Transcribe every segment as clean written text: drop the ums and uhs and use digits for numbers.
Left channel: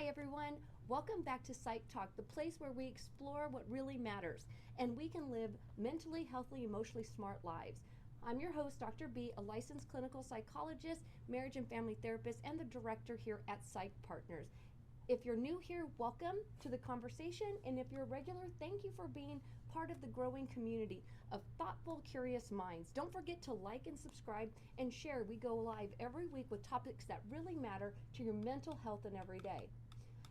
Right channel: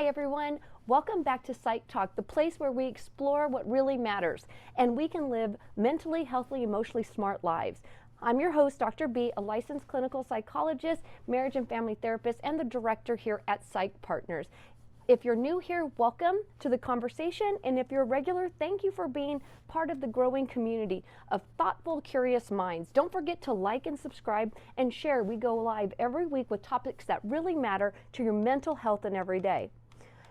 Hi everyone, welcome back to Psych Talk, the place where we explore what really matters and we can live mentally healthy, emotionally smart lives. I'm your host, Dr. B, a licensed clinical psychologist, marriage and family therapist, and the director here at Psych Partners. If you're new here, welcome to the conversation, and if you're a regular, thank you for being part of the growing community of thoughtful, curious minds. Don't forget to like and subscribe and share. We go live every week with topics that really matter to your mental health and every day.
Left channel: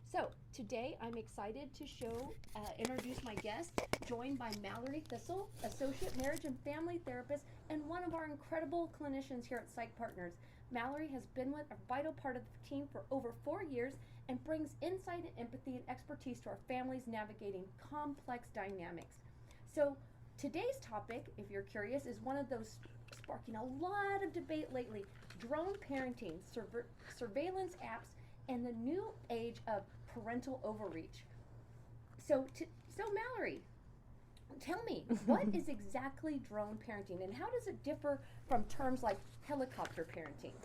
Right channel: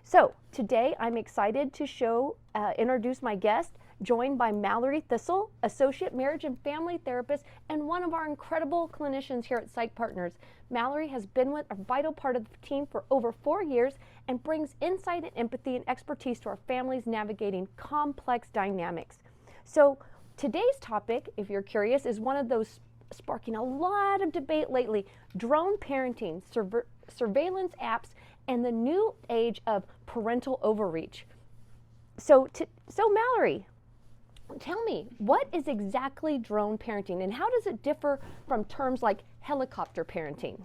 So today I'm excited to introduce my guest, joined by Mallory Thistle, Associate Marriage and Family Therapist and one of our incredible clinicians here at Psych Partners. Mallory has been a vital part of the team for over 4 years and brings insight and empathy and expertise to our families navigating complex dynamics. So today's topic, if you're curious, is one of those sparking a lot of debate lately: drone parenting, surveillance apps, and the new age of parental overreach. So Mallory, tell me, what is exactly drone parenting and how does it differ from terms like helicopter parenting?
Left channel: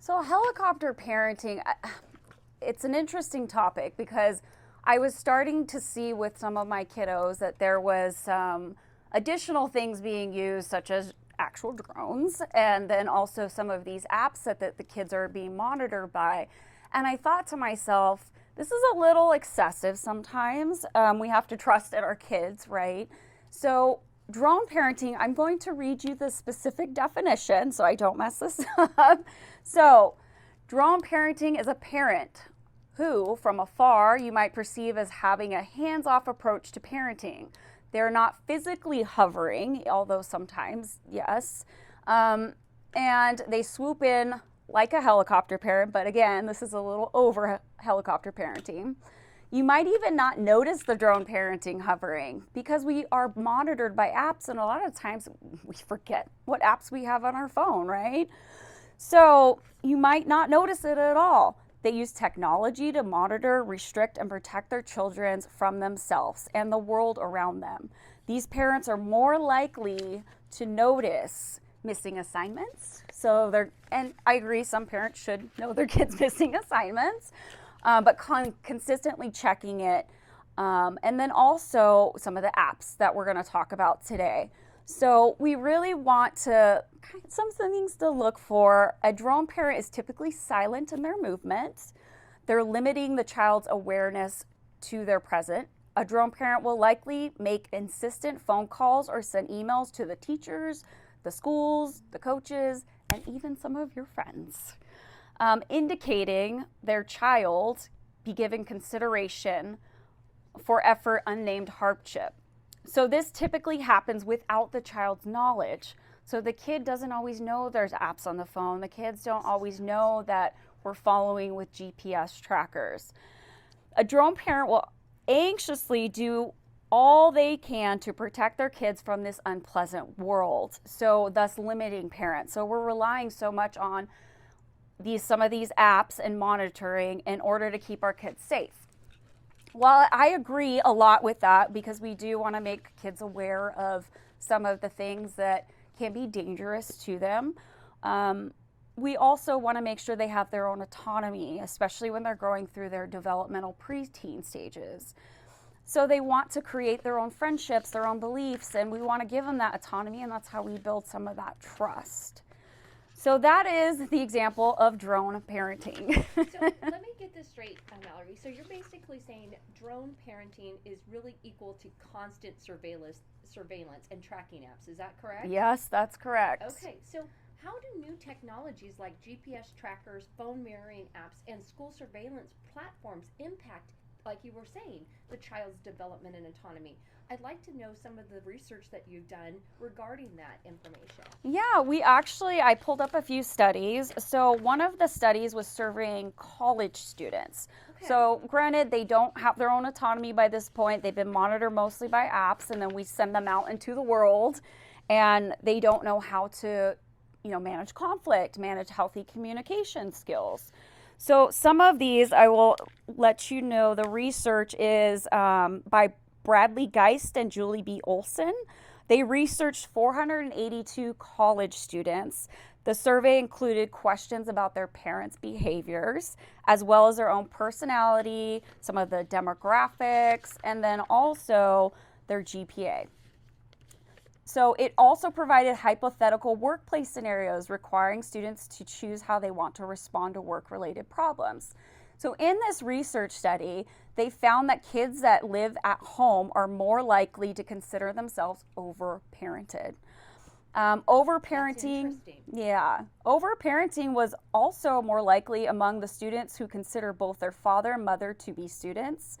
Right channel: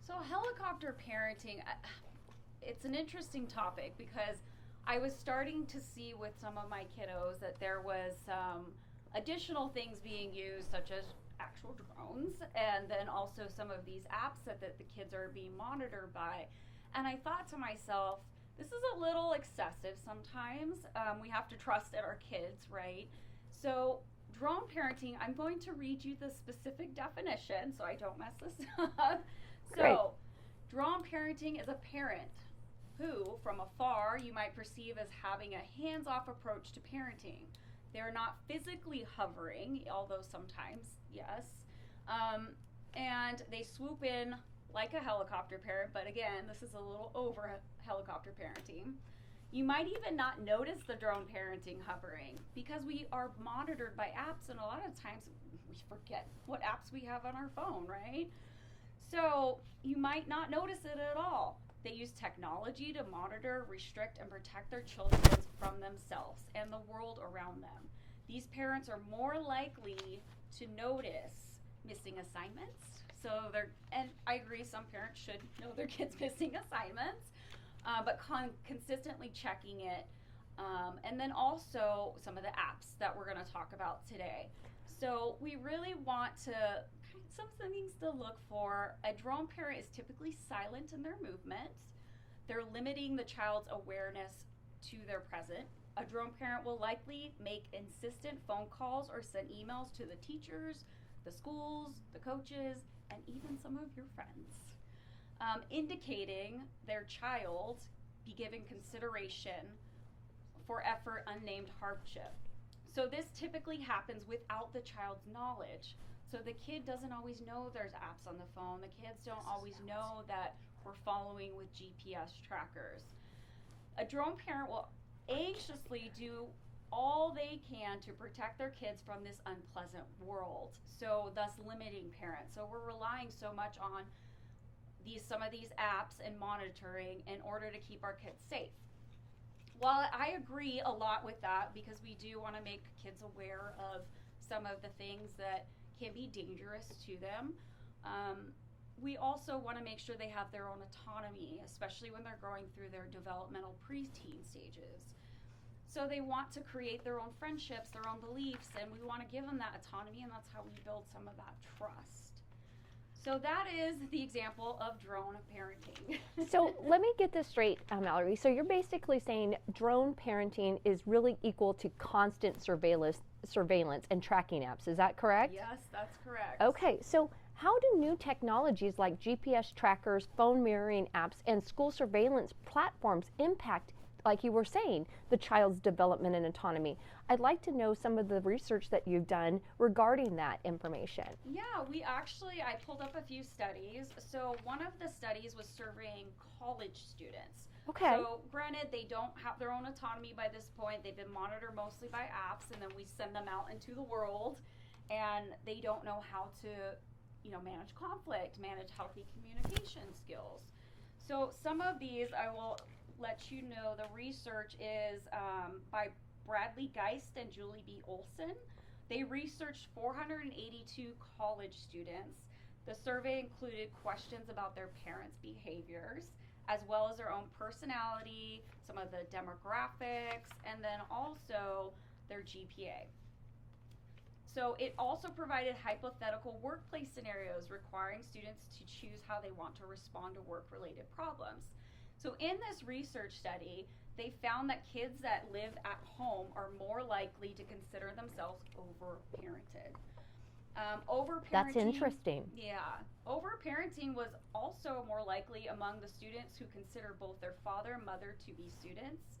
So helicopter parenting, it's an interesting topic because I was starting to see with some of my kiddos that there was some additional things being used, such as actual drones, and then also some of these apps that the kids are being monitored by. And I thought to myself, this is a little excessive sometimes. We have to trust in our kids, right? So drone parenting, I'm going to read you the specific definition so I don't mess this up. So drone parenting is a parent who, from afar, you might perceive as having a hands-off approach to parenting. They're not physically hovering, although sometimes, yes. And they swoop in like a helicopter parent, but again, this is a little over helicopter parenting. You might even not notice the drone parenting hovering because we are monitored by apps, and a lot of times we forget what apps we have on our phone, right? So you might not notice it at all. They use technology to monitor, restrict, and protect their children from themselves and the world around them. These parents are more likely to notice missing assignments. And I agree, some parents should know their kids missing assignments, but consistently checking it. And then also some of the apps that we're going to talk about today. So we really want to, some things to look for. A drone parent is typically silent in their movements. They're limiting the child's awareness to their present. A drone parent will likely make insistent phone calls or send emails to the teachers, the schools, the coaches, and even some of your friends, indicating their child be given consideration for effort unnamed hardship. So this typically happens without the child's knowledge. So the kid doesn't always know there's apps on the phone. The kids don't always know that we're following with GPS trackers. A drone parent will anxiously do all they can to protect their kids from this unpleasant world, so thus limiting parents. So we're relying so much on some of these apps and monitoring in order to keep our kids safe. Well, I agree a lot with that because we do want to make kids aware of some of the things that can be dangerous to them. We also want to make sure they have their own autonomy, especially when they're growing through their developmental preteen stages. So they want to create their own friendships, their own beliefs, and we want to give them that autonomy, and that's how we build some of that trust. So that is the example of drone parenting. So let me get this straight, Mallory. So you're basically saying drone parenting is really equal to constant surveillance and tracking apps. Is that correct? Yes, that's correct. Okay, so how do new technologies like GPS trackers, phone mirroring apps, and school surveillance platforms impact, like you were saying, the child's development and autonomy? I'd like to know some of the research that you've done regarding that information. Yeah, I pulled up a few studies. So one of the studies was surveying college students. Okay. So granted, they don't have their own autonomy by this point. They've been monitored mostly by apps, and then we send them out into the world, and they don't know how to, manage conflict, manage healthy communication skills. So some of these, I will let you know, the research is by Bradley Geist and Julie B. Olson. They researched 482 college students. The survey included questions about their parents' behaviors, as well as their own personality, some of the demographics, and then also their GPA. So it also provided hypothetical workplace scenarios requiring students to choose how they want to respond to work-related problems. So in this research study, they found that kids that live at home are more likely to consider themselves overparented. Overparenting, That's interesting. yeah, overparenting was also more likely among the students who consider both their father and mother to be students.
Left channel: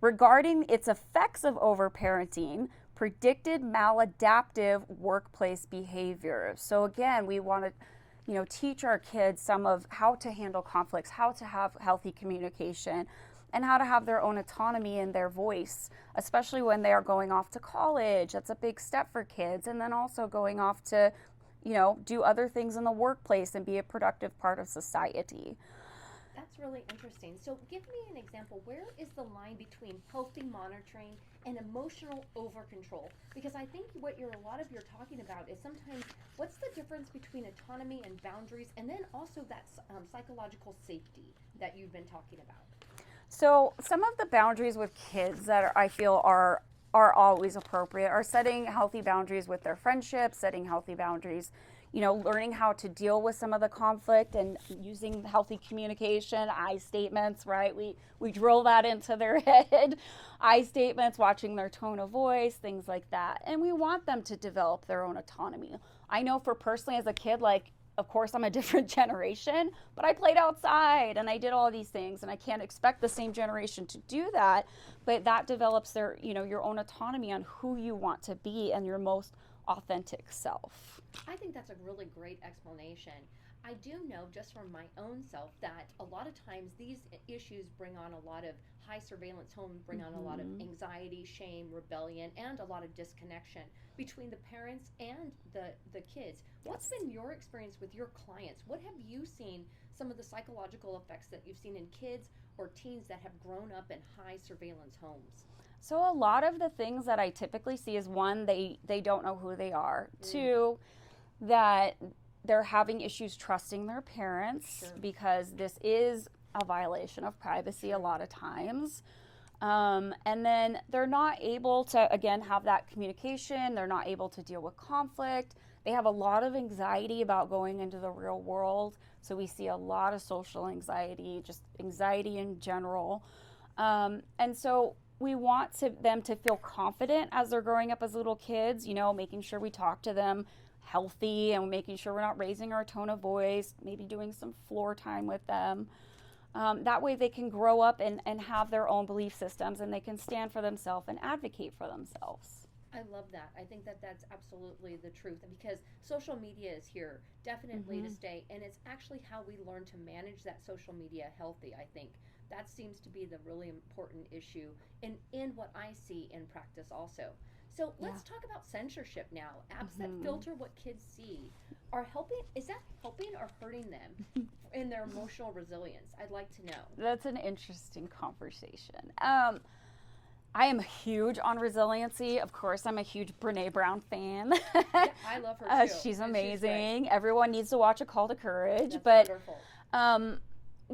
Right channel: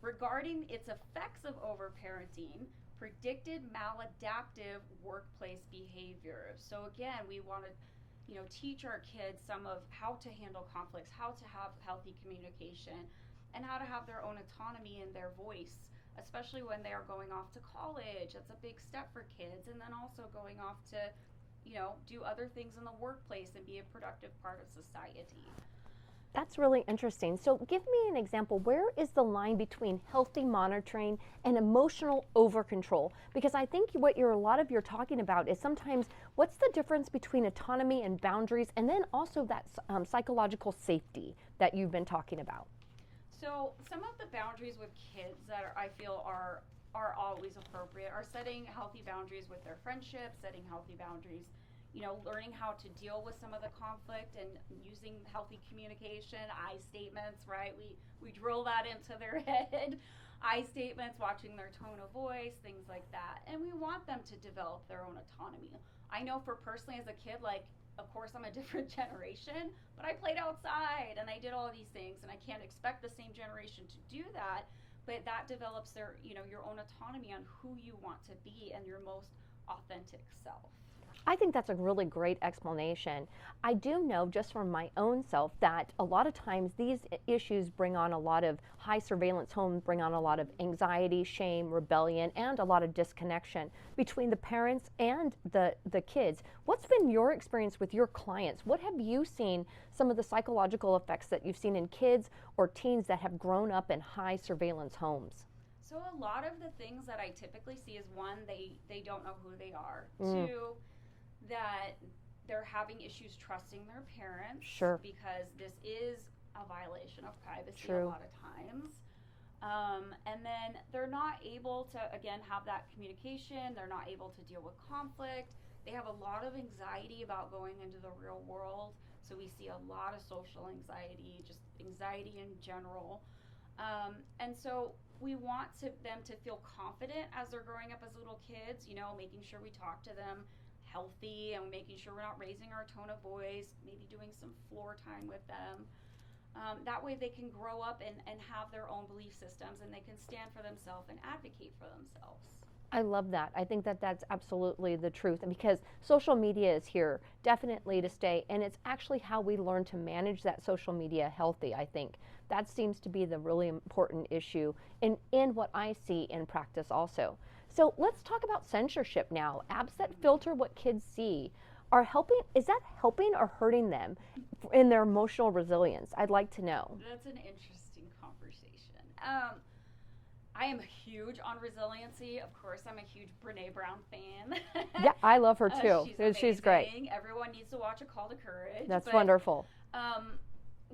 Regarding its effects of overparenting, predicted maladaptive workplace behavior. So again, we want to, teach our kids some of how to handle conflicts, how to have healthy communication, and how to have their own autonomy in their voice, especially when they are going off to college. That's a big step for kids. And then also going off to, do other things in the workplace and be a productive part of society. That's really interesting. So give me an example. Where is the line between healthy monitoring and emotional over control? Because I think what a lot of you're talking about is sometimes what's the difference between autonomy and boundaries, and then also that psychological safety that you've been talking about. So some of the boundaries with kids that I feel are always appropriate are setting healthy boundaries with their friendships, setting healthy boundaries, learning how to deal with some of the conflict and using healthy communication, I statements, right? We drill that into their head. I statements, watching their tone of voice, things like that. And we want them to develop their own autonomy. I know for personally as a kid, of course, I'm a different generation, but I played outside and I did all these things, and I can't expect the same generation to do that, but that develops their, your own autonomy on who you want to be and your most authentic self. I think that's a really great explanation. I do know just from my own self that a lot of times these issues bring on a lot of high surveillance homes, bring on a lot of anxiety, shame, rebellion, and a lot of disconnection between the parents and the kids. What's been your experience with your clients? What have you seen some of the psychological effects that you've seen in kids or teens that have grown up in high surveillance homes? So a lot of the things that I typically see is, one, they don't know who they are. Two, that they're having issues trusting their parents, because this is a violation of privacy a lot of times. And then they're not able to, again, have that communication. They're not able to deal with conflict. They have a lot of anxiety about going into the real world. So we see a lot of social anxiety, just anxiety in general. And so we want them to feel confident as they're growing up as little kids, making sure we talk to them healthy and making sure we're not raising our tone of voice, maybe doing some floor time with them. That way they can grow up and have their own belief systems, and they can stand for themselves and advocate for themselves. I love that. I think that that's absolutely the truth, and because social media is here definitely to stay, and it's actually how we learn to manage that social media healthy. I think that seems to be the really important issue in what I see in practice also. So let's talk about censorship now. Apps that filter what kids see are helping. Is that helping or hurting them in their emotional resilience? I'd like to know. That's an interesting conversation. I am huge on resiliency. Of course, I'm a huge Brene Brown fan. Yeah, I love her too. She's amazing. She's great. Everyone needs to watch A Call to Courage. That's wonderful.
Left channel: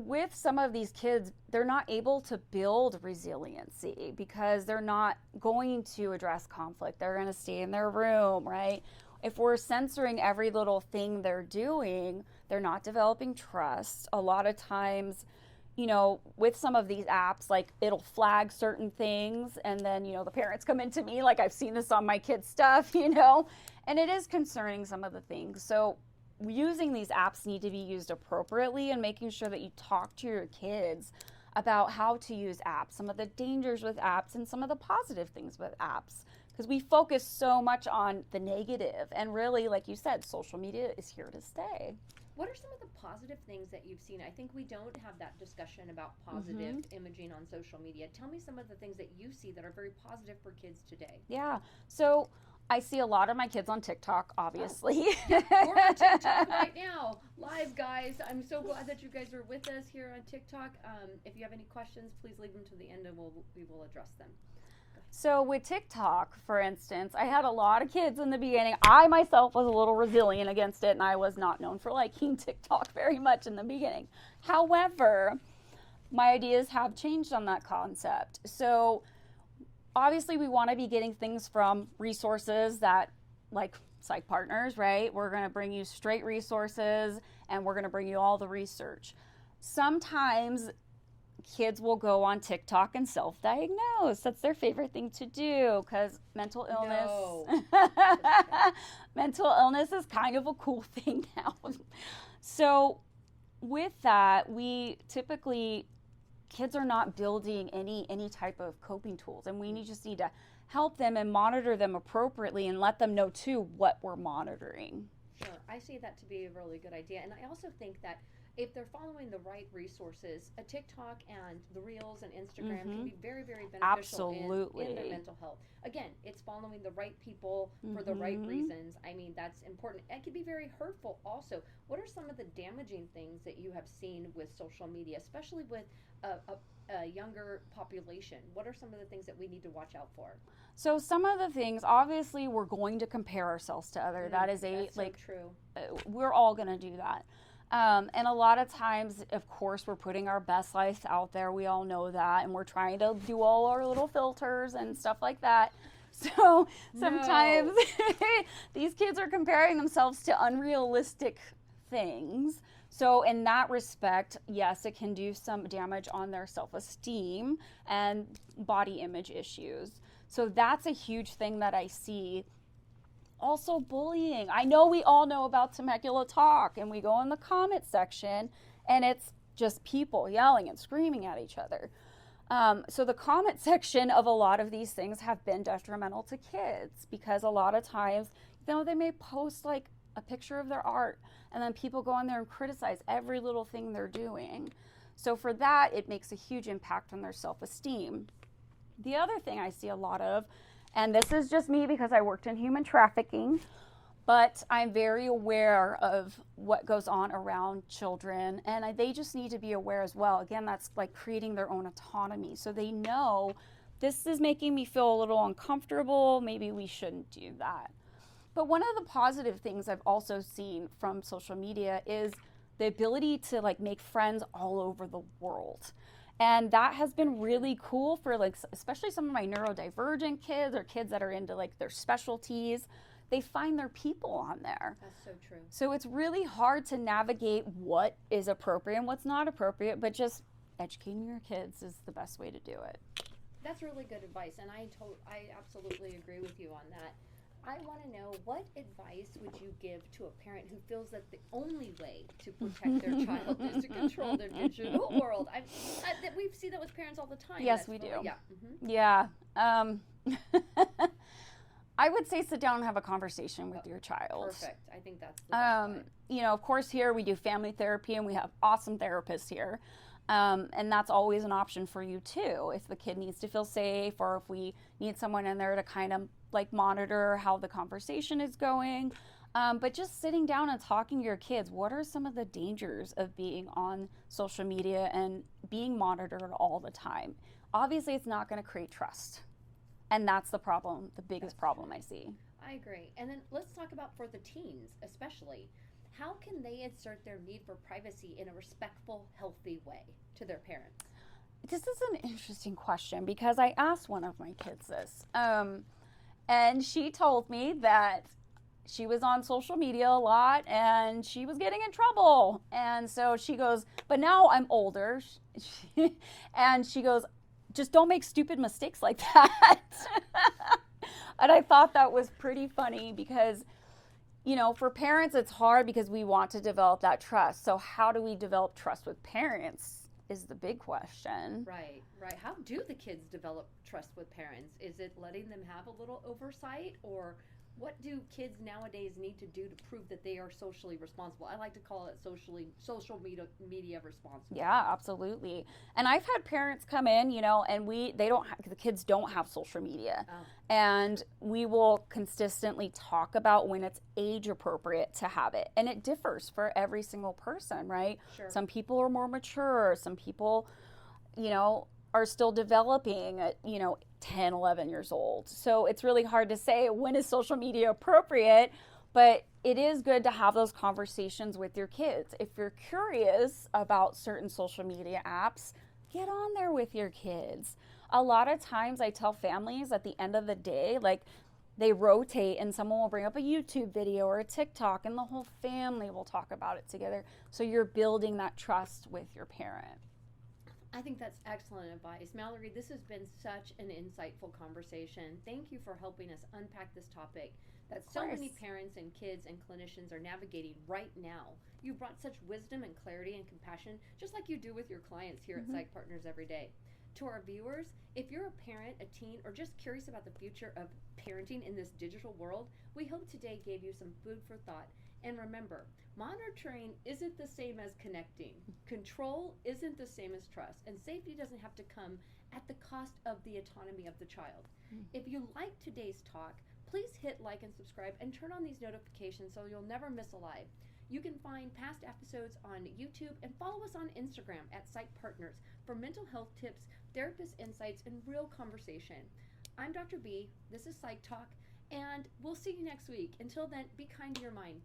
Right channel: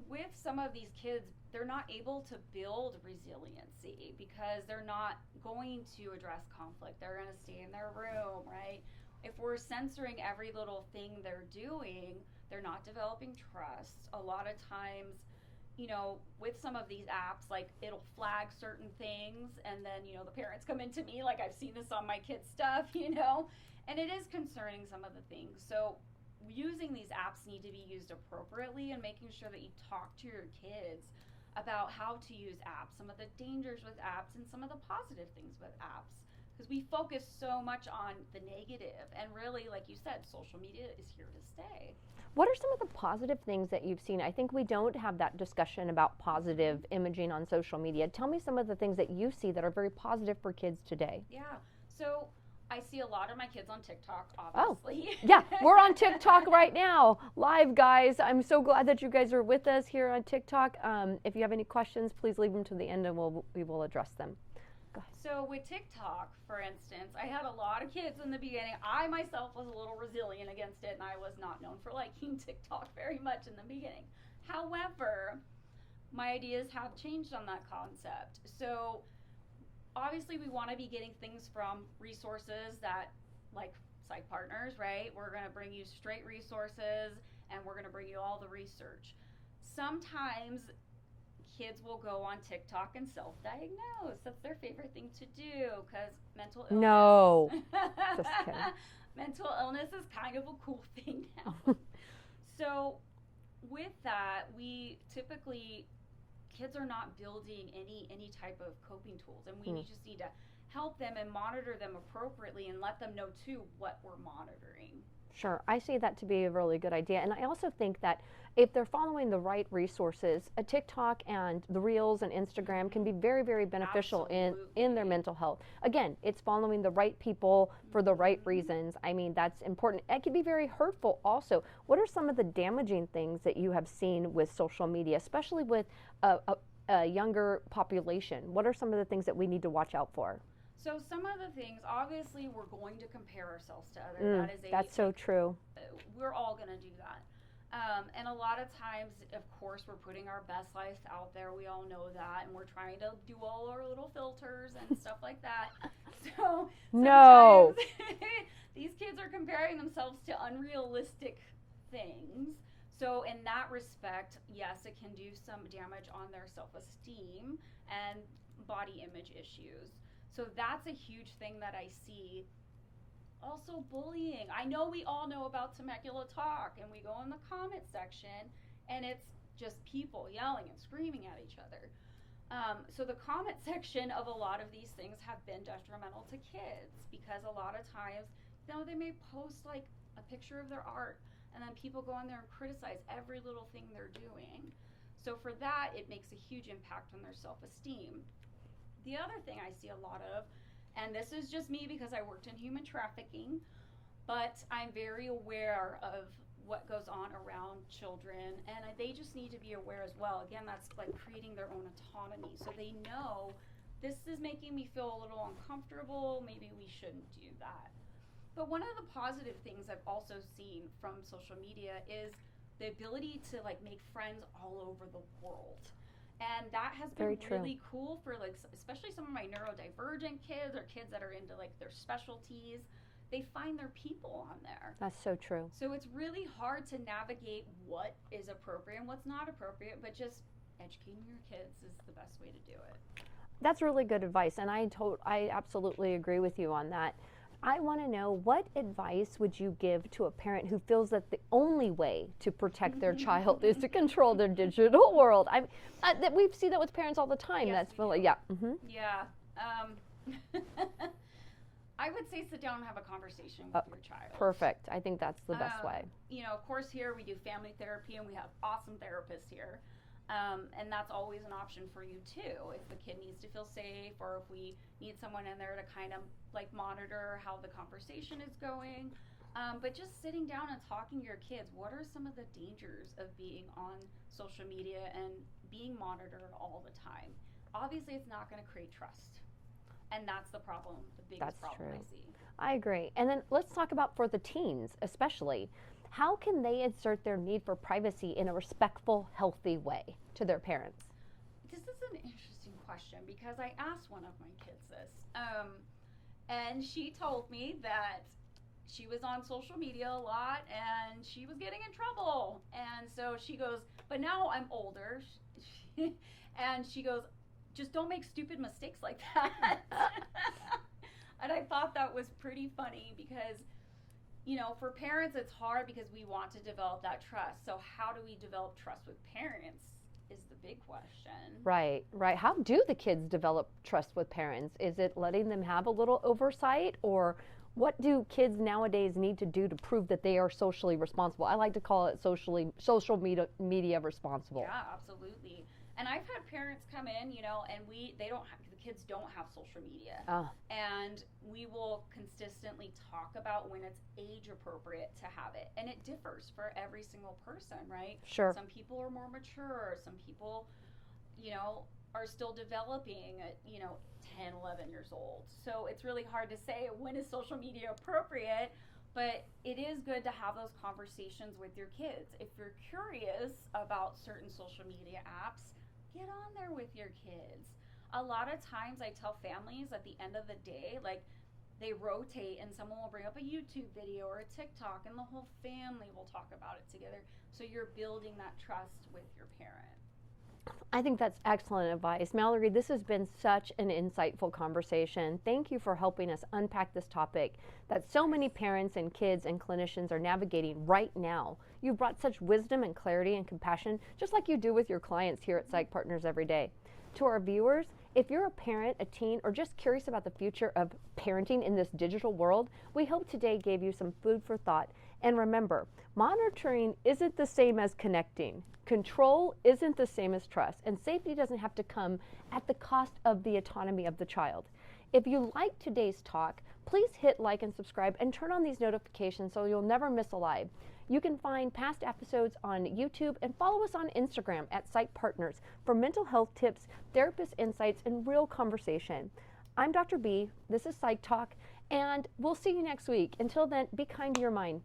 With some of these kids, they're not able to build resiliency because they're not going to address conflict. They're going to stay in their room, right? If we're censoring every little thing they're doing, they're not developing trust. A lot of times, with some of these apps, it'll flag certain things, and then, the parents come into me, I've seen this on my kids' stuff, and it is concerning, some of the things. So using these apps need to be used appropriately, and making sure that you talk to your kids about how to use apps, some of the dangers with apps and some of the positive things with apps, because we focus so much on the negative, and really, like you said, social media is here to stay. What are some of the positive things that you've seen? I think we don't have that discussion about positive imaging on social media. Tell me some of the things that you see that are very positive for kids today. Yeah, so I see a lot of my kids on TikTok, obviously. Oh, yeah, we're on TikTok right now, live, guys. I'm so glad that you guys are with us here on TikTok. If you have any questions, please leave them to the end, and we will address them. So with TikTok, for instance, I had a lot of kids in the beginning. I myself was a little resilient against it, and I was not known for liking TikTok very much in the beginning. However, my ideas have changed on that concept. So obviously we want to be getting things from resources that, like Psych Partners, right? We're going to bring you straight resources, and we're going to bring you all the research. Sometimes kids will go on TikTok and self-diagnose. That's their favorite thing to do because mental illness. No. Mental illness is kind of a cool thing now. So with that, we typically, kids are not building any type of coping tools, and we just need to help them and monitor them appropriately and let them know too what we're monitoring. Sure, I see that to be a really good idea. And I also think that if they're following the right resources, a TikTok and the Reels and Instagram can be very, very beneficial in their mental health. Again, it's following the right people for the right reasons. I mean, that's important. It can be very hurtful also. What are some of the damaging things that you have seen with social media, especially with a younger population? What are some of the things that we need to watch out for? So some of the things, obviously, we're going to compare ourselves to others. That's so true. We're all going to do that. And a lot of times, of course, we're putting our best life out there. We all know that. And we're trying to do all our little filters and stuff like that. So sometimes these kids are comparing themselves to unrealistic things. So in that respect, yes, it can do some damage on their self-esteem and body image issues. So that's a huge thing that I see. Also bullying. I know we all know about Temecula Talk, and we go in the comment section and it's just people yelling and screaming at each other. So the comment section of a lot of these things have been detrimental to kids because a lot of times, they may post like a picture of their art and then people go on there and criticize every little thing they're doing. So for that, it makes a huge impact on their self-esteem. The other thing I see a lot of, and this is just me because I worked in human trafficking, but I'm very aware of what goes on around children, and they just need to be aware as well. Again, that's like creating their own autonomy. So they know this is making me feel a little uncomfortable, maybe we shouldn't do that. But one of the positive things I've also seen from social media is the ability to like make friends all over the world. And that has been really cool for like, especially some of my neurodivergent kids or kids that are into like their specialties. They find their people on there. That's so true. So it's really hard to navigate what is appropriate and what's not appropriate, but just educating your kids is the best way to do it. That's really good advice, and I absolutely agree with you on that. I want to know, what advice would you give to a parent who feels that the only way to protect their child is to control their digital world? We see that with parents all the time. Yes, we do. Yeah. Yeah. I would say sit down and have a conversation with your child. Perfect. I think that's the best way. Of course, here we do family therapy, and we have awesome therapists here. And that's always an option for you too, if the kid needs to feel safe, or if we need someone in there to kind of like monitor how the conversation is going. But just sitting down and talking to your kids, what are some of the dangers of being on social media and being monitored all the time? Obviously, it's not going to create trust. And that's the problem, the biggest problem I see. I agree. And then let's talk about for the teens, especially. How can they insert their need for privacy in a respectful, healthy way to their parents? This is an interesting question because I asked one of my kids this. And she told me that she was on social media a lot and she was getting in trouble. And so she goes, but now I'm older. And she goes, just don't make stupid mistakes like that. And I thought that was pretty funny because, for parents, it's hard because we want to develop that trust. So how do we develop trust with parents is the big question. Right. How do the kids develop trust with parents? Is it letting them have a little oversight, or what do kids nowadays need to do to prove that they are socially responsible? I like to call it social media responsible. Yeah, absolutely. And I've had parents come in, and the kids don't have social media. And we will consistently talk about when it's age appropriate to have it. And it differs for every single person, right? Sure. Some people are more mature. Some people, are still developing at 10, 11 years old. So it's really hard to say when is social media appropriate, but it is good to have those conversations with your kids. If you're curious about certain social media apps, get on there with your kids. A lot of times I tell families at the end of the day, like, they rotate and someone will bring up a YouTube video or a TikTok and the whole family will talk about it together. So you're building that trust with your parent. I think that's excellent advice. Mallory, this has been such an insightful conversation. Thank you for helping us unpack this topic that so many parents and kids and clinicians are navigating right now. You've brought such wisdom and clarity and compassion, just like you do with your clients here at Psych Partners every day. To our viewers, if you're a parent, a teen, or just curious about the future of parenting in this digital world, we hope today gave you some food for thought. And remember, monitoring isn't the same as connecting. Control isn't the same as trust. And safety doesn't have to come at the cost of the autonomy of the child. If you like today's talk, please hit like and subscribe and turn on these notifications so you'll never miss a live. You can find past episodes on YouTube and follow us on Instagram at Psych Partners for mental health tips, therapist insights, and real conversation. I'm Dr. B. This is Psych Talk, and we'll see you next week. Until then, be kind to your mind.